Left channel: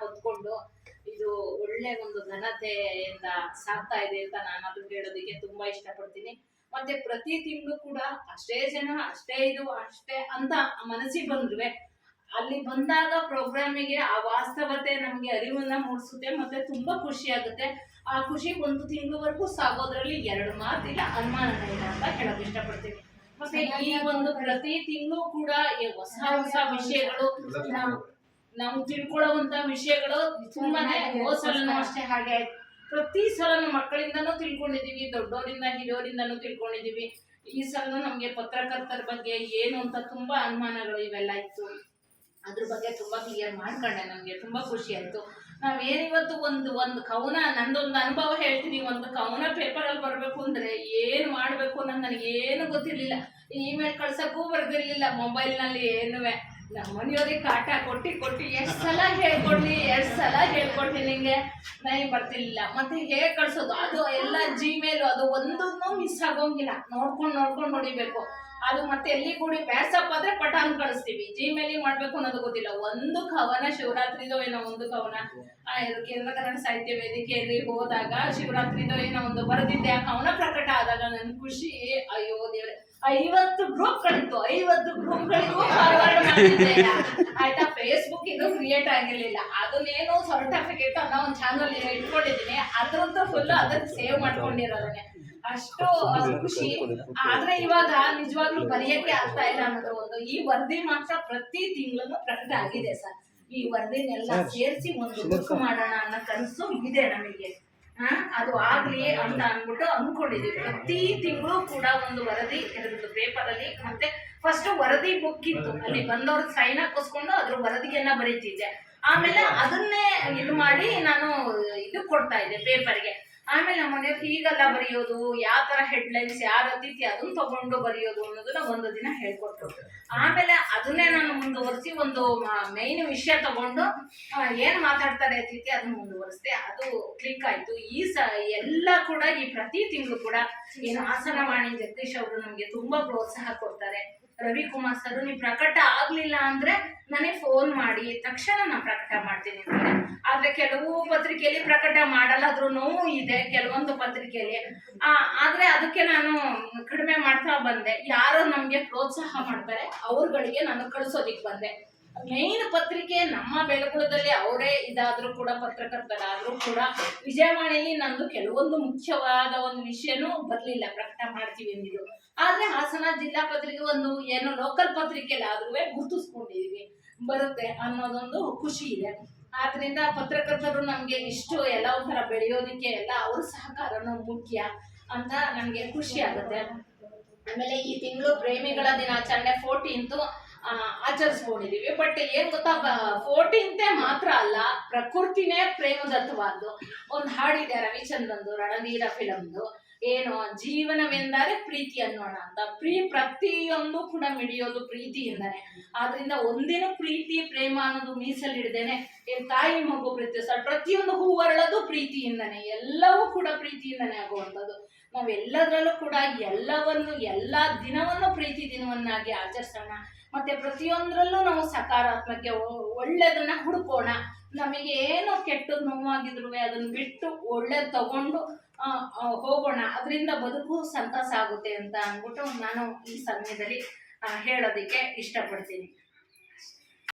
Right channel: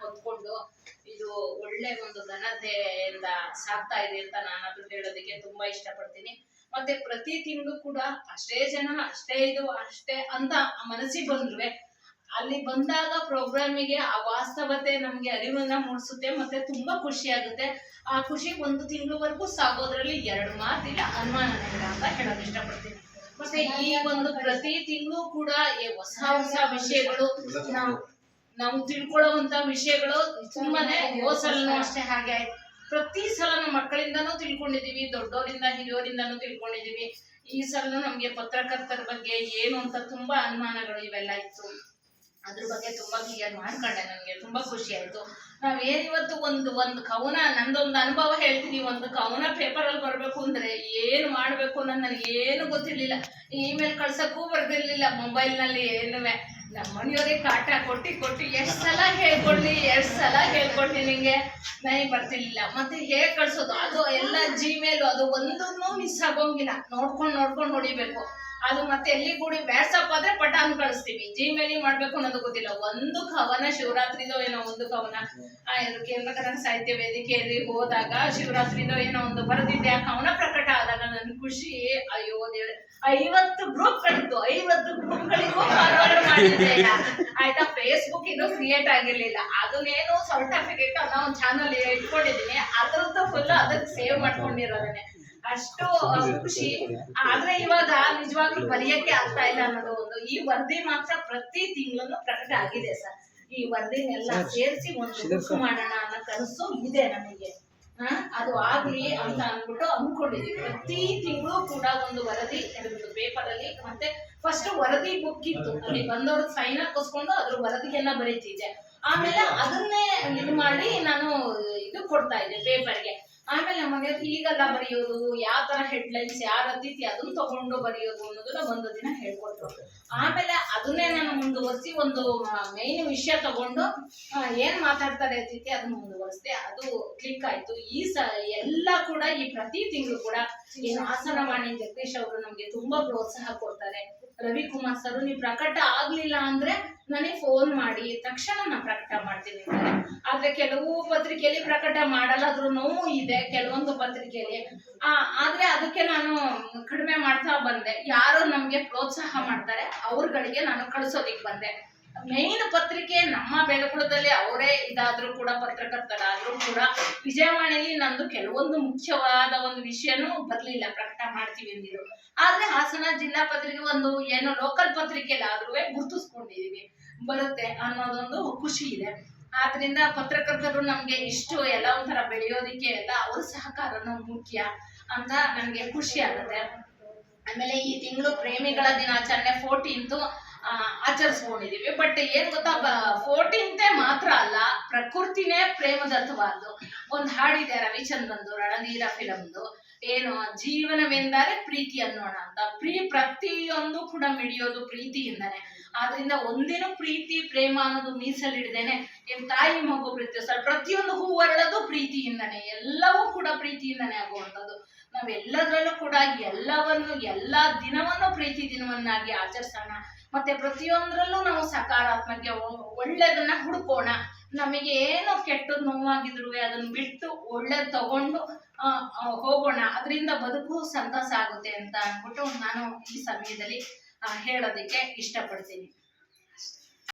ಹೊತ್ಕೊಂಡು ಇದು ಒಳ್ಳೆ ಒಂದು ಘನತೆಯಿಂದ ಸಾಗ್ತಾ ಇದೆ ಅಂತ ನಾನು ಅದನ್ನ ಹೇಳೋದಕ್ಕೆ ತುಂಬಾ ಇಷ್ಟಪಡ್ತೀನಿ. ಮತ್ತೆ ಪ್ರತಿ ತಿಂಗಳು ಕೂಡ ಅಷ್ಟೇ ಜನ ಅಷ್ಟೇ ಇದು ಅಷ್ಟೇ ಅಂತ ಮನಸ್ಸಿಗೆ ಬಂದ್ರುವೆ. ಅಲ್ಲಿ ಬಂದಾಗ ಪ್ರೋಗ್ರಾಮಿಗೆ ಆ ವಾಸ್ತವತೆ ನಮ್ಗೆ ಅರಿವನ್ನ ಮೂಡಿಸುತ್ತೆ ಮತ್ತೆ ತುಂಬಾ ಖುಷಿ ಆಗುತ್ತೆ. ಆ ಖುಷಿ ಒಂದು ತಿಂಗಳವರೆಗೂ ಸಾಗೋದ್ರಲ್ಲಿ ಎರಡು ಮಾತಿಲ್ಲ ಅನುಮಾನ ಇಲ್ಲ ಅಂತ ಹೇಳೋದು ಇಷ್ಟಪಡ್ತೀನಿ. ಮತ್ತೆ ಈ ಒಂದು ಪ್ರತಿ ತಿಂಗಳು ಕೂಡ ಹೊಸ ಹೊಸ ವಿಷಯಗಳು ನಾವು ನಾವು ತಿಳ್ಕೊಳ್ಳುವಂತ ವಿಷಯಗಳು ತುಂಬಾನೇ ಅಷ್ಟೇ. ಹಾಗೆ ಆಯ್ತು. ಪ್ರತಿ ಸಲನು ಮಕ್ಕಳಿಂದನೂ ತಿಳ್ಕೊಂಡಿದೀವಿ ದೊಡ್ಡೋರಿಂದ ಹಿರಿಯೋರಿಂದನೂ ತಿಳ್ಕೊಂಡಿದೀವಿ. ಈ ಸಲ ನಮ್ಗೆ ಪತ್ರಕರ್ತರ ಬಗ್ಗೆ ಏನು ಅಂತ ತುಂಬಾ ಅನುಮಾನಗಳು ಇವೆಲ್ಲ ಇತ್ತು. ಅದ್ರ ಬಗ್ಗೆ ತುಂಬಾ ಕ್ಲಿಯರ್ ಮಾಡ್ಕೊಂಡೆ ನಮ್ಗೆ ತುಂಬಾ ಖುಷಿ ಆಯ್ತು. ನಾವ್ ಏನಿವತ್ತು ಒಂದು ಒಂದು ಕವನ ನಂದೊಂದು ಅನುಭವ ಹೇಳ್ತೀನಿ. ಒಂದು ಕವನ ಪೇಪರ್ ಅಲ್ಲಿ ಬರ್ಬೇಕು ಅಂದ್ರೆ ಏನ್ ಮಾಡ್ಬೇಕು ಅನ್ನೋದು ನನಗೆ ಏನು ಗೊತ್ತಿರ್ಲಿಲ್ಲ. ಇಮೇಲ್ ಕಳ್ಸಕ್ಕೂ ಬರ್ದಿರ್ಲಿಲ್ಲ ಮೊಬೈಲ್ನಲ್ಲಿ ಏನುವೆ. ನಮ್ಮ ಮನೆಯವ್ರಿಗೆ ಕಾಟ ಕೊಟ್ಟು ಕೊಟ್ಟು ಎಷ್ಟ್ ಸಲ ಹೇಳ್ಕೊಡ್ಲಿ ಎಷ್ಟ್ ಸಲ ಹೇಳ್ಕೊಡ್ಲಿ ನಿಂಗೆ? ನನಗೆ ಬರ್ತಿರ್ಲಿಲ್ಲ. ಮತ್ತೆ ಹೇಗ್ ಕಳ್ಸೋದು? ಅದು ಎಲ್ಲ ಜಿಮೇಲ್ ಅದು ಒಂದನ್ನು ಮಿಸ್ ಆಗೋಂಗಿಲ್ಲ. ನೋಡ್ಕೊಂಡು ನೋಡ್ಕೊಂಡು ನೋಡಿಬೇಕು. ಅದು ಮತ್ತೆ ಎಲ್ಲಿ ಕೂಡಿ ವ್ಯಾಟ್ಸಪ್ ಆದ್ರೆ ಪಟಾನ್ ಕಳಿಸ್ತೀವಿ. ಜಿಮೇಲಿ ಮಾಡ್ಬೇಕು ಅನ್ನೋದು ಗೊತ್ತಿಲ್ಲ. ಒಂದು ಕವನ ಶಿವರಾತ್ರಿದೋ ಏನೋ ಒಂದು ಕವನ. ಆ, ಕೇಂದ್ರ ಕನ್ನಡ ಸಾಹಿತ್ಯ ವೇದಿಕೆಯಲ್ಲಿ ಹೋದಾಗ ಶಿವರಾತ್ರಿದೋ ಏನೋ ಒಂದು ಬರೆದಿದ್ದೆ. ಆ ಕವನ ಪ್ರಕಟ ಆದಾಗ ನನ್ ಖುಷಿ ಅಯ್ಯೋ ದೇವ್ರೆ ಐವತ್ತು ಗ್ರೂಪ್ ಕಳಿತು ಐವತ್ತು ಗ್ರೂಪ್ ಗಳಿಗೂ ಫಾರ್ವರ್ಡ್ ಮಾಡಿದ್ದೆ ಆಯ್ತಾ? ಫೇಸ್ಬುಕ್ ಇದು ಕ್ರಿಯೇಟ್ ಆಗಿರ್ಲಿಲ್ಲ. ಅದನ್ನೇನು ಸರ್ಟಿಫಿಕೇಟ್ ಅನ್ನೋ ಒಂದು ಚಾನಲ್ ಇಟ್ಕೊಂಡಿದ್ದೀನಿ ಅದ್ರದ್ದು ಫುಲ್ ಅದಕ್ಕೆ ಸೇವ್ ಮಾಡ್ಕೊಂಡಿರೋದನ್ನೇ. ಅಷ್ಟು ಖುಷಿ. ಆದ್ರೆ ಇವಾಗ ನಿಜವಾಗ್ಲೂ ಬರೆಯಕ್ಕೆ ಆಗ್ತಾ ಇಲ್ಲ ಅನ್ನೋದು ಒಂದು. ಈ ವರದಿ ಮಾತ್ರ ಪ್ರತಿ ತಿಂಗಳು ಪ್ರಕಟ ಆಗಿದೆ ಸರ್. ಈ ವರದಿನೆಲ್ಲ ಸೇರಿಸಿ ಒಂದು ಬುಕ್ ಮಾಡೋಣ ಅನ್ನೋ ಕನಸು ಇದೆ ನಮಗೆ. ಅದು ಆಗ್ಲಿ ಅಂತ ಅಂದ್ಬಿಟ್ಟು ಅಂದ್ಕೊಂಡಿದ್ದೀವಿ ಪ್ರತಿ ತಿಂಗಳು ಕೂಡ ಒಂದು ವರದಿ ಇರುತ್ತೆ ಪೇಪರ್ ಅಲ್ಲಿ ಮತ್ತೆ ಫಸ್ಟ್ ವರದಿ ಬುಕ್ ಇತ್ತು. ಅಲ್ಲಿ ಬಂದವ್ರ ಸೈನ್ ಹಾಕಿಸ್ಕೊಂಡು ಅದ್ರ ವರದಿಯನ್ನ ಬರೀತಿದ್ದೆ. ಆಮೇಲೆ ಅದನ್ನೇ ಇದು ಮಾಡಿ ನಾನು ಇದು ಕೊಡ್ತಾ ಇದ್ದೆ ಪೇಪರ್ಗೆ. ಆಮೇಲೆ ನಮ್ಮ ಮನೆಯವ್ರು ಹೀಗೆಲ್ಲ ಬರೆಯೋದು ಯಾವ ತರ ಹೆಡ್ಲೈನ್ಸ್ ಯಾವ ಅತಿಥಿ, ಅದನ್ನ ತಗೊಂಡು ಬರೆಯೋದು ಅನ್ನೋದನ್ನ ಒಂದು ದಿನ ಹೇಳ್ಕೊಟ್ರು. ಆಮೇಲೆ ಅದನ್ನೇ ನಾನು ಮುಂದುವರಿಸಿ ಒಂದು ಮೈನ್ ವಿಷಯ ತಗೊಂಡು ಏನ್ ಮಾತಾಡ್ತಾರೆ ಅತಿಥಿ ಅದನ್ನ ಮುಂದುವರಿಸಿದೆ. ಅದು ಕ್ಲಿಕ್ ಆಯ್ತು. ಈ ಸ, ಎಲ್ಲ ಕೂಡ ಈ ಪ್ರತಿ ತಿಂಗಳು ಕೂಡ ಏನು ಹಾಸನವಾಣಿ ಜಗದೀಶ್ ಅವರು ನಮ್ಗೆ ತುಂಬಾ ಪ್ರೋತ್ಸಾಹ ಕೊಡ್ತಾರೆ. ರವಿಕುಮಾರ್ ಸರ್, ನೀವು ಪ್ರಕಟ ಆಗ್ಲಿಲ್ಲ ಅಂದ್ರೆ ನನಗೆ ಫೋನ್ ಮಾಡಿ, ತಕ್ಷಣ ನಾನು ಪ್ರಕಟ ಮಾಡ್ತೀನಿ ಅಂತಾರೆ. ಆದ್ರೆ ಕೆಲವು ಪತ್ರಿಕೆಯಲ್ಲಿ ಪ್ರಕಟ ಮಾಡಲ್ಲಾದ್ರೂ ನೋವು ಇದೆ, ಕೆಲವೊಂದು ಪತ್ರಿಕೆಯಲ್ಲಿ. ಆದ್ರೆ ಅದಕ್ಕೆ ನಾನು ಕಡಿಮೆ ಮಾಡ್ತಾ ಬಂದೆ. ಯಾರು ನಮಗೆ ಪ್ರೋತ್ಸಾಹ ಮಾಡ್ತಾರೆ, ಅವ್ರಗಳಿಗೆ ನಾನು ಕಳಿಸೋದಿಕ್ ಬಂದೆ. ಮೇನ್ ಪತ್ರಿಕೆ ನಮ್ಮ ಬೆಳಗುಳದಲ್ಲಿ ಅವರೇ ಇದಾದ್ರೂ ಕೂಡ ಪತ್ರಕರ್ತರಾದ್ರೂ ಕೂಡ ವಿಜಯವಾಣಿಯಲ್ಲಿ ನಂದು ಕೆಲವೊಂದು ಮುಖ್ಯವಾದ ಒಂದು ವಿಷಯನೂ ಬರಲಿಲ್ಲ, ಪ್ರಕಟ ಮಾಡ್ತೀವಿ ಅಂದಿದ್ರು ಆದ್ರೆ ಹಾಸನ ಜಿಲ್ಲಾ ಪತ್ರಿಕೆ ಒಂದು ಏನು ಲೋಕಲ್ ಪತ್ರಿಕೆಯಲ್ಲಿ ಆದ್ರೂ ಗುರುತಿಸ್ಕೊಂಡಿದೀವಿ. ಬರುತ್ತೆ ಅನ್ನೋದೊಂದು ಖುಷಿ ಇದೆ. ಆದ್ರಿಂದ ಪತ್ರಕರ್ತರು ನಮ್ಗೆ ಇಷ್ಟು ಎಲ್ಲ ಒಂಥರ ಬೆಳೆಯೋದಿಕ್ಕೆ ಎಲ್ಲ ಅವ್ರ ಸಹಕಾರನೂ ಮುಖ್ಯ. ಅಂತ ನನಗೆ ಖುಷಿ ಆಗುತ್ತೆ. ಆಮೇಲೆ ಈ ತಿಂಗಳು ಪ್ರೇಮಿಗಳ ದಿನಾಚರಣೆ ಫೋರ್ಟೀನ್ತು ಆಚರಿಸ್ಕೊಂಡಿದೀವಿ. ಬಟ್ ಏನ್ ಗೊತ್ತಾ ಫೋರ್ಟೀನ್ತೆ ಮಾತ್ರ ಅಲ್ಲ, ಪ್ರಕೃತಿನೇ ಪ್ರೇಮದತ್ತವಾದ್ದು. ಒಂದು ಹಾಡಿದೆ ರವಿಚಂದ್ರಂದು, ರಣಧೀರ ಫಿಲಮ್ದು ಏನು, ಜೀವನವೆಂದರೆ ಪ್ರೀತಿ ಅನ್ನೋಣ ಅಂತ. ಪ್ರೀ, ಪ್ರತಿಯೊಂದು ಕೂಡ ಮಿಡಿಯೋದು ಪ್ರೀತಿಯಿಂದನೇ. ಆದ್ರಿಂದ ಒಂದೇನು ಪ್ರೀತಿ, ಪ್ರೇಮ ಅನ್ನೋದು ಮೀಸಲಿಡದೇನೆ ತಾಯಿ ಮಗು ಪ್ರೀತಿ, ಸರ್, ಪ್ರತಿಯೊಂದು ಹೂ ಅರಳೋದು ಪ್ರೀತಿಯಿಂದನೇ. ಎಲ್ಲವೂ ಕೂಡ ಪ್ರೀತಿಯಿಂದಾನೆ ಆಗುವಂಥದ್ದು. ನಾವೆಲ್ಲದರಲ್ಲೂ ಕೂಡ ಎಲ್ಲವನ್ನು, ಎಲ್ಲ ದಿನವನ್ನು ಪ್ರೀತಿ ದಿನವನ್ನಾಗಿ ಆಚರಿಸೋಣ. ಮತ್ತೆ ಪ್ರತಿಯೊಂದರಲ್ಲೂ ನಾವು ಸಕಾರಾತ್ಮಕ ಒಳ್ಳೆಯದನ್ನ ಹುಡ್ಕೋಣ. ನಮಗೆ ಏನೋ ಕೆಟ್ಟದ್ ನೋವಾಗಿದ್ರು ಅದನ್ನ ಬಿಟ್ಟು ಒಳ್ಳೆ ತಗೊಂಡು ಹೋಗೋಣ. ಅದರಿಂದ ಬದುಕು ಸಂತಸ ಆಗುತ್ತೆ ಅಂತ ಅಂದ್ಬಿಟ್ಟು ನಾನು ಈ ಸಮಯದಲ್ಲಿ ಹೇಳೋದಕ್ಕೆ ಇಷ್ಟಪಡ್ತೀನಿ.